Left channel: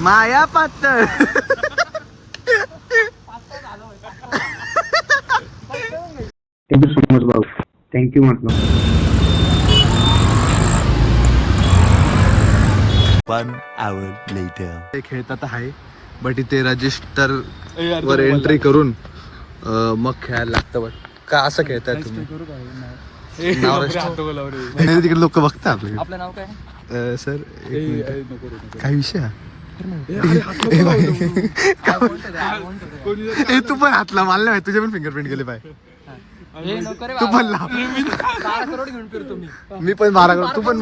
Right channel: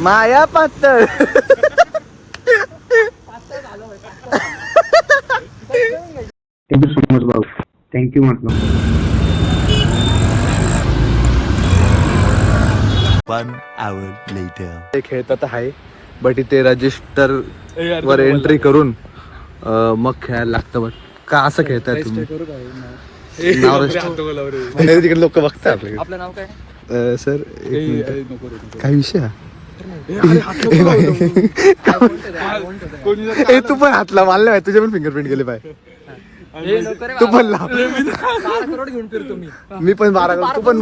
माया पातळ. Thank you so much भाऊ. Thank you म्हटलं. 1 hour later. खेळतात आहे बट इथे रजिस्टर वर एंट्री करून मग खेळायला लागतं. बट का असं खेळताय तुम्ही? नाव तिकडे लोक बघतात आपल्याकडे. आपलं नाव काय सर एक मिनिट. काय विषय हा? तू पण हातला मारला तुझे पण फिंगरप्रिंट गेले पाय. तू पण लाव. घेऊन फिरतो मी पण 12 करोड. तू पण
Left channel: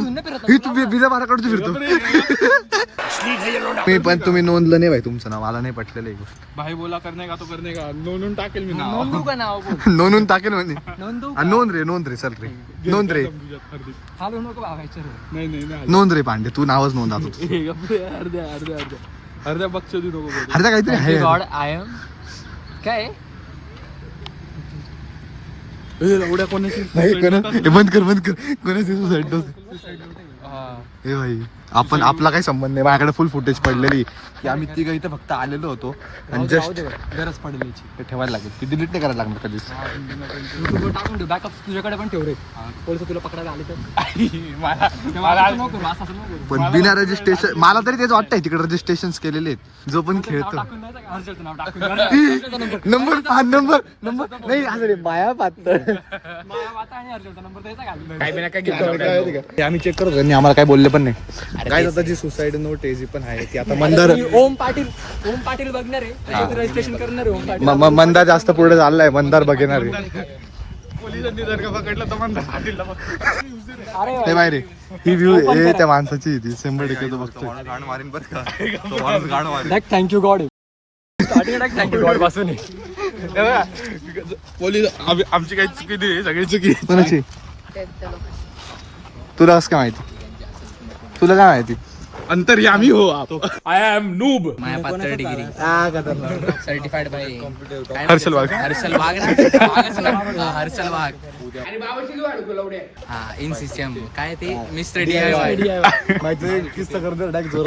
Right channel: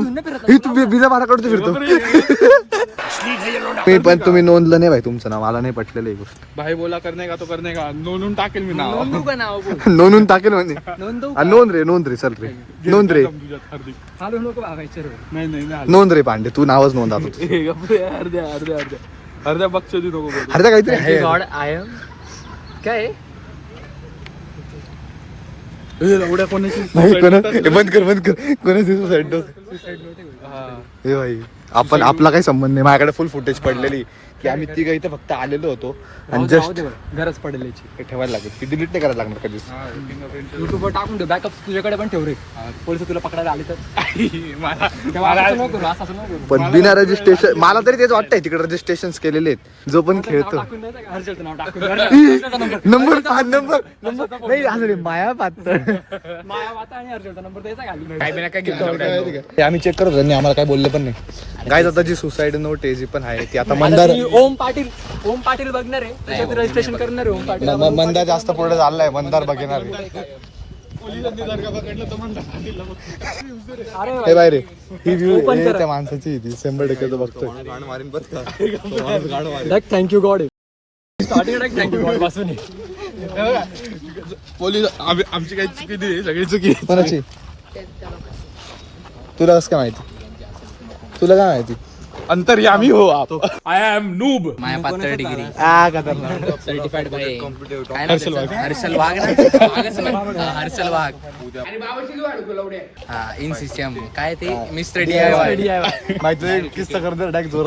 तू बिना 12 करोडचं फिरतो. मी पण तुम्ही नोंदलं नाही भाई तुमचं नाव. मला नाही पटलेलं ही गोष्ट. भाई बोला करणे का तो करणे का नोंदून टाकेल मी नाव. नोंदून टाकेल म्हणजे नोंद रे चल रे नोंद रे नोंद रे पांडे. तू नावच नोंद आता. अर्ध्या बक्षी नको. अर्ध्या काहीतरी आहे. काय बंद कर कोणाची सुसाईड नोट. हे भाई आपण आपला काही संबंध नाही. माझ्याकडे फुल फुटेज पडलेली की आम्ही तिघं इथं फक्त आलेलो होतो आणि जस्ट गरज पडेल ठेवायला लागेल. ती डिलीट नाही करायला लागणार कधीच. युट्यूबवर टाकून दे. बॅकअप तुझ्याकडे पण ठेव रे. पोलीस तुला पकडायला आले तर पण बिना रजिस्ट्रेशन मला तरी तेच वाटतंय तिकडे रजिस्ट्रेशन केलेले आहेत. जो पण खेळतो नंबर नाही माया आम्ही चेक करतो. त्यांनी आम्हाला काय बोलले पण नाही. काय आता जी सुसाईड नोट आहे जी पण आहे ती आता मंदार ओम पाटील बघणार आहे. रजिस्ट्रेशन करणार आहे ओम पाटील. मंदार जास्त पुढे झालाय. मंदार बघणार आहे. पोलिसांनी जर का पकडलं तर म्हणतात ते बाहेर ही व्ह्यू आहे त्या माणसाची. ती 100% तो बघतोय. Thank you God. Starting thank you God पासून पोलीस आमची काही चुकी नाही. सगळी चुकी कोणाची? तुला कसं काय माहिती? तुला काय माहिती? अंतर्यामी हो आप. आय एम नूब. माया पातळ degree certified by Harshal Wagh. Harshal Wagh हा इन सिस्टम काय ते मिस्टर DIY माहिती किस्सा करतो डायरेक्ट जोर.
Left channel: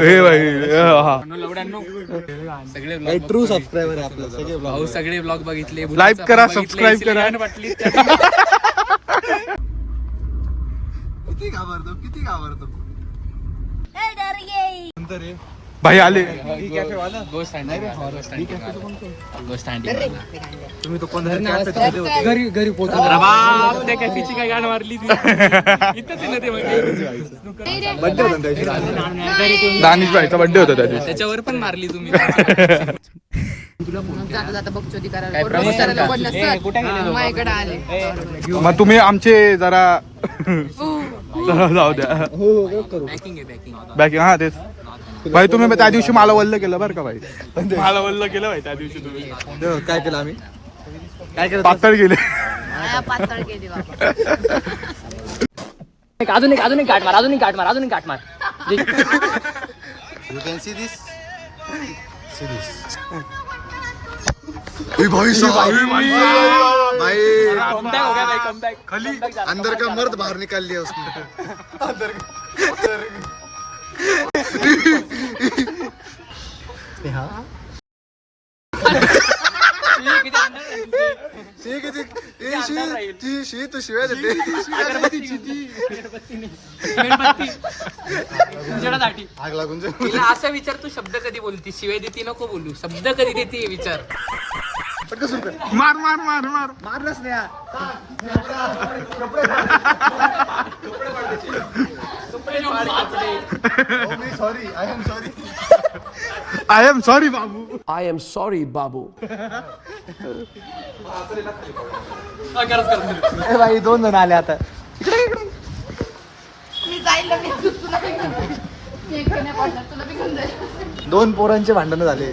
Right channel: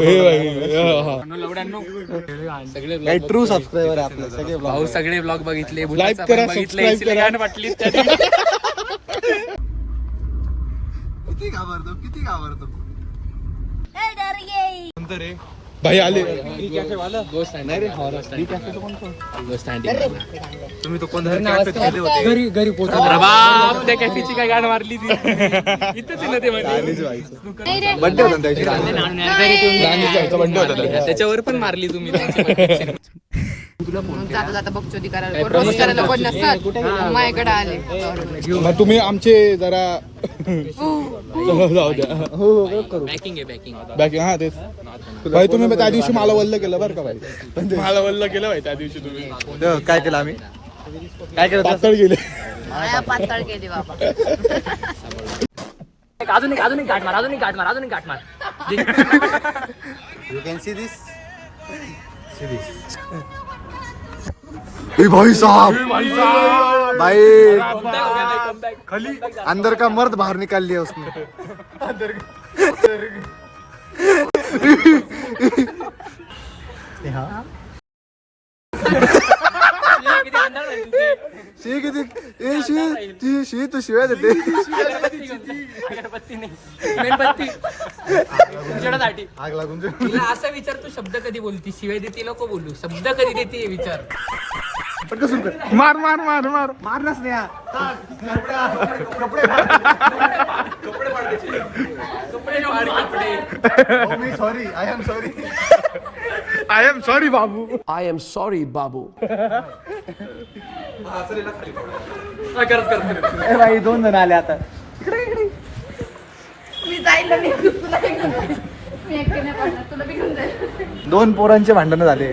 सगळे ट्रू सबस्क्रायबर आहे आपले सगळे भाऊ. सगळे ब्लॉग बघितले. लाईक करा सबस्क्राईब करा. किती घाबरतो भाई आले. तुम्ही तो कोण घरी पोहोचलो. त्या कॅफेची काय गाणं मारली ती इथंच ते बड्डे होता दानिश भाईचा बड्डे होता त्याच्यावर पण मारली तुम्ही. जाता बघचोदी करायला माझ्याकडे आले. मग तुम्ही आमचे जरा जाऊ द्या. बॅकिंग हा तेच भाई. तुम्ही त्या दिवशी मला वल्ल केलं बरं का भाई. मला वल्ल केलं भाई त्या दिवशी तुम्ही. काय केलं आम्ही? काय केलं? पातळ गेले. पातळ केली बाबा. अजून एक काट मार. You can see this. भाई साहब भाई खाली अंदर का मर्द बाहर निकाल लिया उसने. तू शिवाय देते. आग लागून असा विचार तू शब्द कधी बोलती. शिवाय देते नको बोलू. शब्द कधी देते विचार. मार मारणाच नाही. I am sorry Babu. I am sorry, Babu. भाई 2 जण आले आता. मी जायला नाही. तुला घेऊन जाईल. मी एकटीने पडणार. तुला बी घेऊन जाईल. 2 पोरांचे भांडण झाले.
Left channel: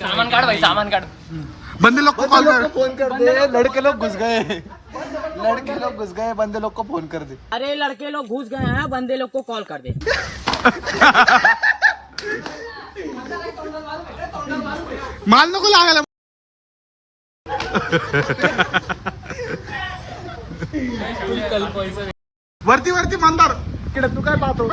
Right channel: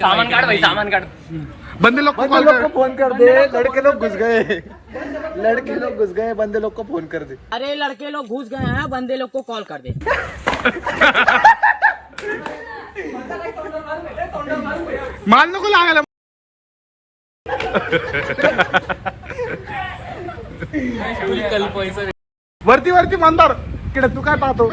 सामान काढ. बंदे लोग को कॉल कर. फोन कर दे. लड़के लोग घुस गए. बंदे लोग को फोन कर दे. अरे लड़के लोग घुस गए हैं. बंदे लोग को कॉल कर दे. माल नको लागायला. वरती वरती मंदार तू काय पाहतो.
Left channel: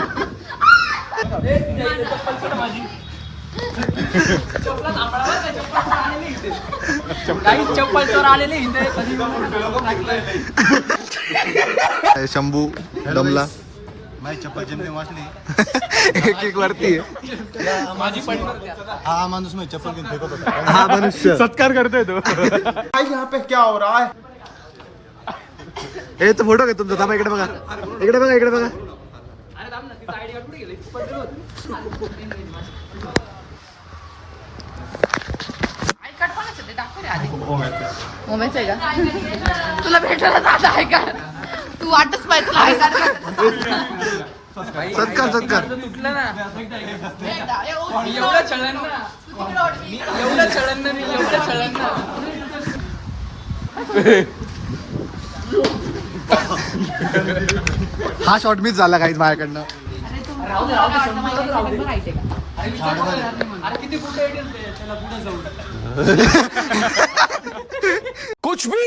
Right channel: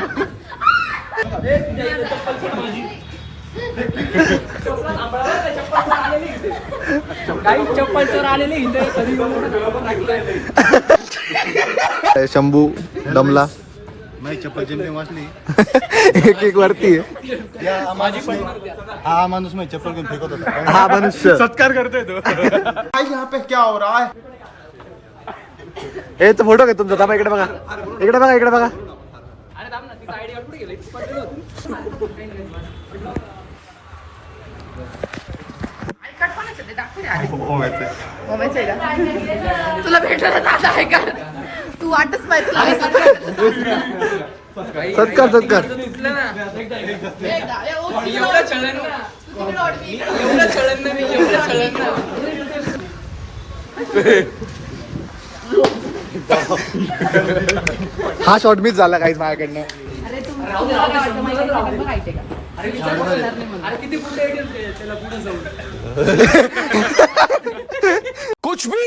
शंभू दमला. माझी चप्पल जिमने वाचली. एक एक वरती आहे. हा माणूस माझी चप्पल घेऊन फेकत होता. हा मनुष्य सत्कार करतोय तो. यहाँ पे क्या हो रहा है. हे तो फोटो घे तुमचा. थांबा इकडे बघा, इकडे बघा, इकडे बघा. ओमेच आहे का? तुला भेटायला जायचं आहे का? तू वाटच पाहिजे. सत्कार सत्कार. हा शॉट मिस झाला काहीच माझ्याकडनं. अरे तुला काय वाटतं माहिती आहे का? कुछ भी.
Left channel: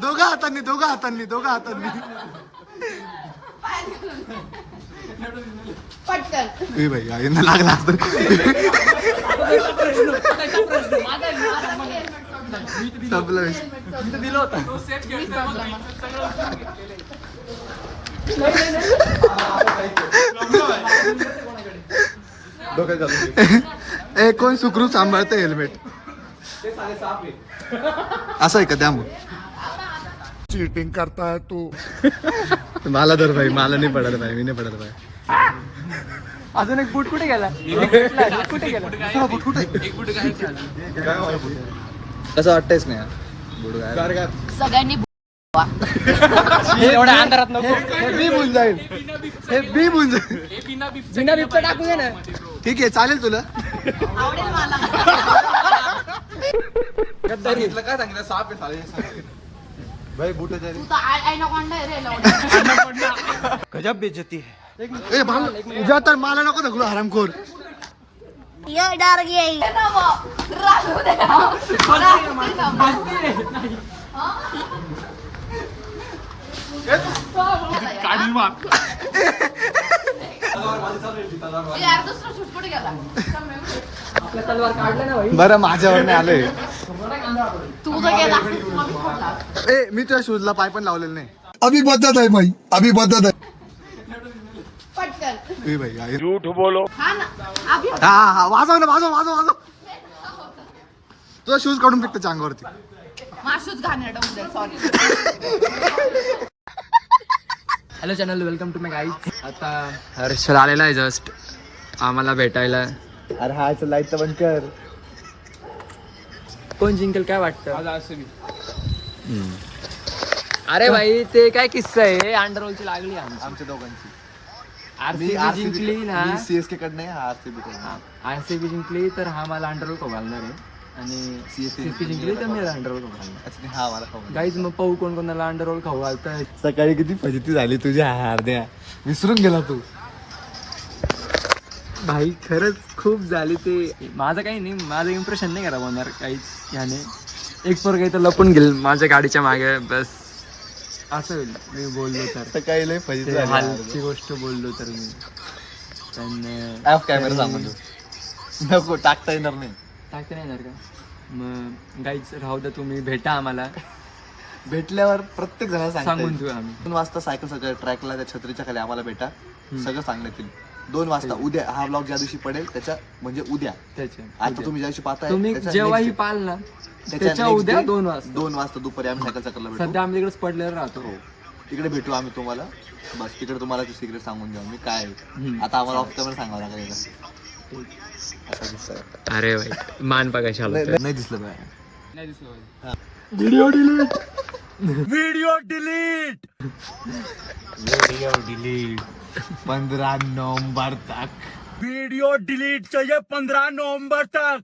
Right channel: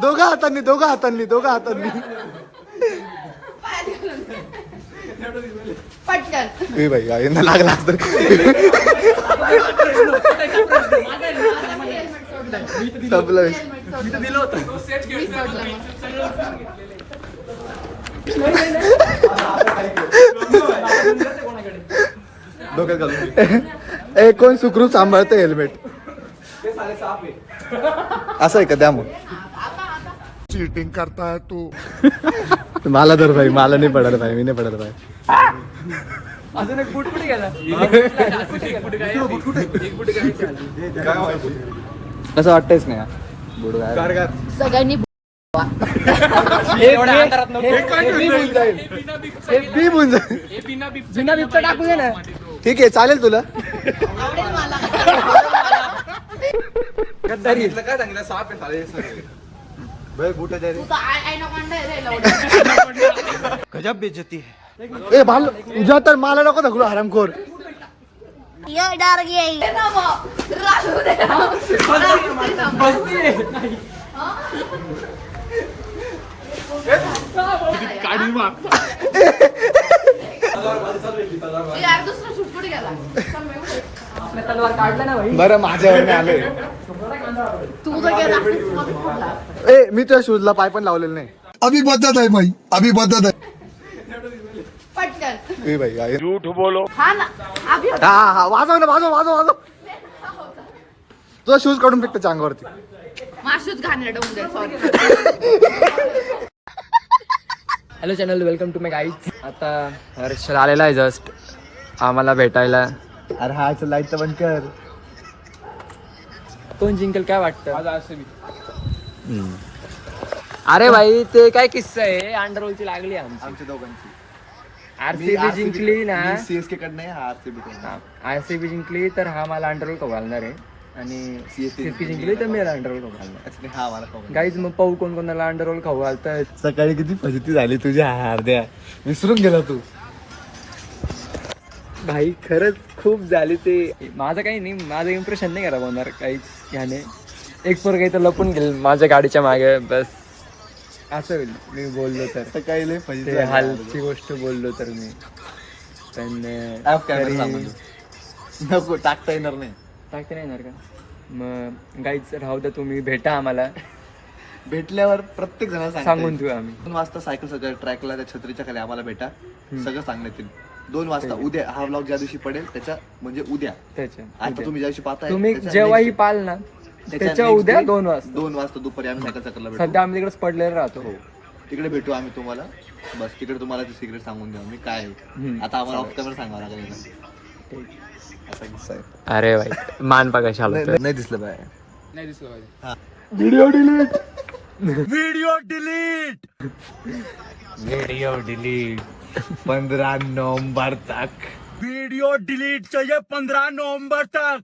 दोघा हातांनी, दोघा हातांनी, दोघा हातांनी. पटकन. ए भाई यांना लागला असतं. संपलं. ए कोण सुखरूप सांभाळतं हेल्मेट. असं आहे का? द्या मग. चीटिंग करता है तू. मला तर भाई, मला नाही पडत भाई, मी नाही पडत भाई. अजून एक बूट कुठे गेला? कसं वाटतंयच नाही बुड गायब. सगळ्यांनी हे बी होऊन जाईल, हे बी होऊन जाईल. बिना बिबचा टाकून घे ना. ठीक आहे, चालेल तुला. आवडेल मला. तू तर anaconda आहे रे, लवडा. गजब बेइज्जती है. ए भाम तुझ्या तर मला नको धकलो हरामखोर. ये डर गई. ना बाप. राहू दे ना. राहू दे ना. काढी मार. यार दुसरा शूट कुठे गेला? बरं माझ्यावर नाही आले. तू जर गेला असेल, तुला बी फोडला असता. ए मी तुझ्या शूजला पाय पण लावलेलं नाही. अभी बदत है भाई, अभी बदत है. पटकन. ए भाई आहे. हा ना. अभि हा हा वाजव ना, वाजव वाजव वाजव. तुझा शूज काढून फेकतो चांगावरती. माशूच घाणेरडं होऊन जाईल. Sorry. Hello channel, welcome to my guys. आता हर्षल आलेला आहे जस्ट आम्हाला भेटायला. अरे हा लाईट तर बंद कर. कोण जिंकेल काय वाटतं? अरे भाई ते काय किस्सा आहे. अंडरवर्ल्डची लागली आमची दोघांची. आरसीबी जिंकली ना. सीएसके कडनं आहे, आरसीबी कडनं. आरसीबी जिंकली तर हा मला अंडरवर्ल्ड खाऊ घालणार आहे आणि सीएसके जिंकली तर मी अंडरवर्ल्ड खाऊ घालणार. हा मला गाईज मग पाहू कोण कोणाला अंडरवर्ल्ड खाऊ घालताय. सकाळी किती फजिती झाली तुझ्या अर्ध्या. विसरून गेला तू. भाई खरंच खूप झाली ते. माझं काही नाही, माझं इम्प्रेशन नाही करा होणार काहीच ह्याने. एक पोर काही तर लपून गेल माझ्या गाडीच्या मागे, बस असं होईल मी बोललो तर. सकाळी लय फजिती ते झाली. हालची गोष्ट बोललो तर मी. पण Off camera तरी- सांगून नको, टाकता येणार नाही. टाकते नाही येणार का? मग गाईच राहू द्या, तुम्ही भेटा आम्हाला. भेटल्यावर प्रत्येक जण सांगून ठेवू आम्ही. 2 वाजता सायकल सगळ्या ट्रॅकला त्या छत्रीच्या खाली आम्हाला भेटा. सगळं सांगण्यात येईल. 2 वाजता उद्या. हा ब्लॉग ज्या दिवशी पडेल त्याच्या म्हणजे उद्या. त्याच्या आता तुम्ही ज्या दिवशी पाहताय तुम्ही त्याच्या जेव्हाही next day. पाल ना त्याच्या next उद्या day 2 वाजता. 2 वाजता दुपारी आम्ही सायकल चक्करला भेटू. सध्या आम्ही तिकडेच पडलेलं राहतो. तिकडे भेटू आम्ही तुम्हाला. बस तिकडे तुम्हाला सिक्रेट सांगून द्या मी काय आहे. आता आम्हाला ऑफ कॅमेरा सांगावं लागेल. असा किस्सा आहे. अरे भाई मान पगाशी आलो. नाही दिसलं बाय. नाही दिसलं पाहिजे. Video delete. Video delete. Video delete. 15 नवंबर तक वीडियो डिलीट चाहिए 15 नवंबर तक।